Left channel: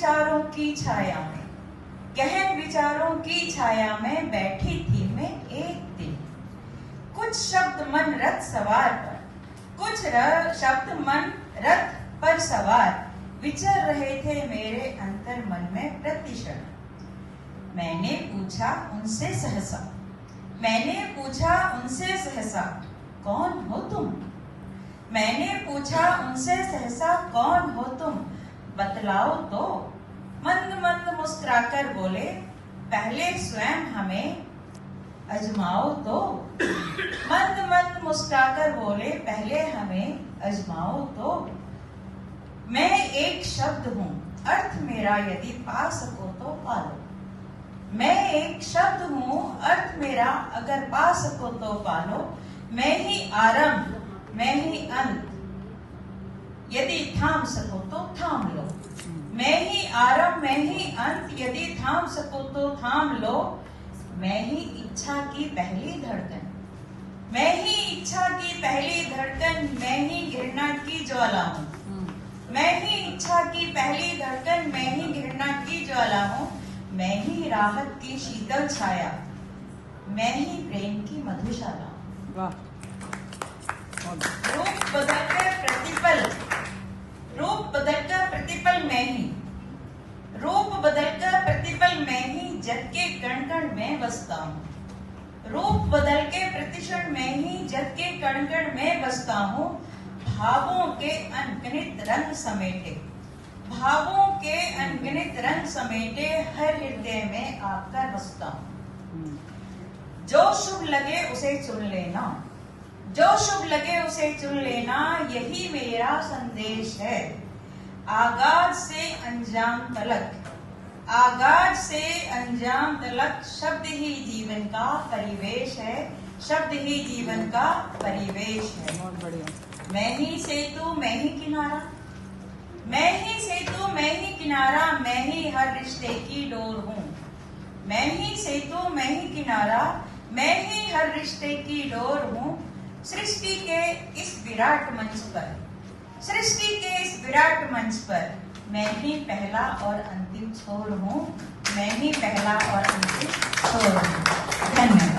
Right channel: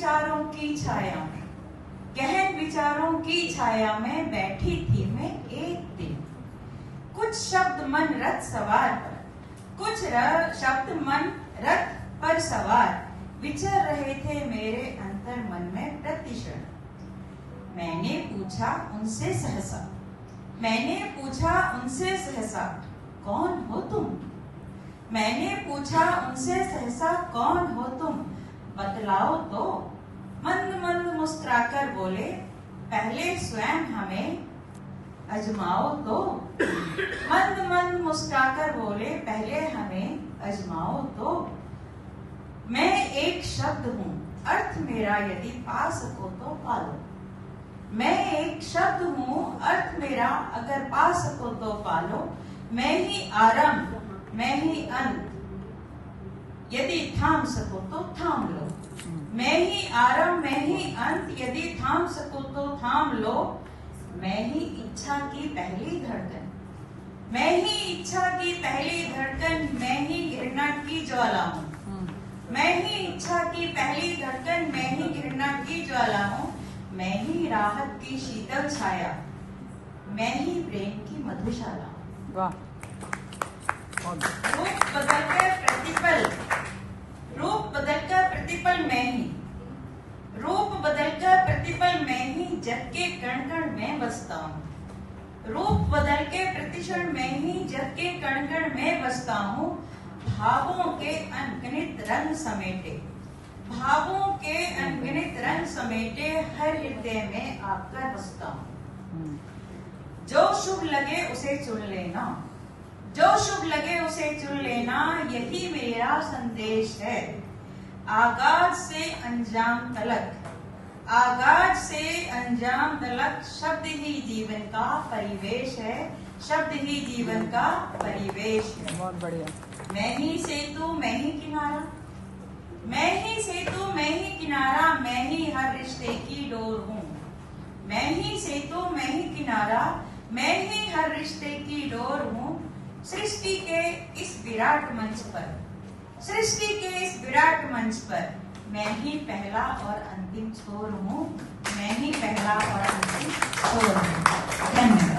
विचारों की छाया में, गहन विचारों की छाया में बैठी थी मैं एक दिन। कुछ शब्द मन रथ सवार पर, कुछ शब्द मन रथ पर सवार विचर रहे थे मेरे अंतर मन में प्रतिक्षण। मैंने पूछा उनसे सहसा, मैंने पूछा उनसे सहसा, कौन हो तुम? मैंने पूछा उनसे सहसा, कौन हो तुम? बतलाओ तो। मंद मंद मुस्कुराकर बोले, पहले स्वयं हमें अजमाओ तो। मंद मंद मुस्कुराकर बोले, पहले हमें अजमाओ तो। मैं एक शब्द हूँ, अर्थ मेरा यदि पा सको तो पालो। मैं एक शब्द हूँ, अर्थ मेरा अगर पा सको तो पालो। मैं ही आरंभ, मैं ही अंत, यदि थाम सको तो थाम लो। मैं ही आरंभ, मैं ही अंत, यदि थाम सको तो थाम लो। मैं ही इच्छा की पहली धड़कन, मैं ही इच्छा की पहली धड़कन, मैं ही घृणा की ज्वाला हूँ। मैं ही इच्छा की पहली धड़कन, मैं ही घृणा की ज्वाला हूँ। मैं ही राहत की शीतल छाया, मैं ही प्रेम की मधुशाला। वाह। रूप बदलकर प्रतिपल, रूप बदलकर प्रतिपल मैं ही, रूप बदलकर प्रतिपल मैं ही, जग के कण कण में बसता हूँ। रूप बदल के प्रतिक्षण में ही, जग के कण कण में बसता हूँ। भावों के अनगिनत रंग समेटे, भावों के अनगिनत रंग समेटे, हर हृदय में आकर बसता हूँ। जो शुभ लगे उसे चुन लेना, जो शुभ लगे उसे चुन लेना, यही मेरा संदेश है। आगाज से अंजाम तलक, आगाज से अंजाम तलक, शब्द ही जीवन का परिवेश है, शब्द ही जीवन का परिवेश है। बहुत बढ़िया। मैं ही सेतु, मैं ही किनारा, मैं ही सेतु, मैं ही किनारा, मैं ही हर रिश्ते की डोर हूँ। मैं ही सेतु, मैं ही किनारा, मैं ही हर रिश्ते की डोर हूँ। सृष्टि के इस विराट मंच पर, सृष्टि के इस विराट मंच पर, मैं ही पहला और अंतिम छोर हूँ, मैं ही पहला और अंतिम छोर हूँ। धन्यवाद।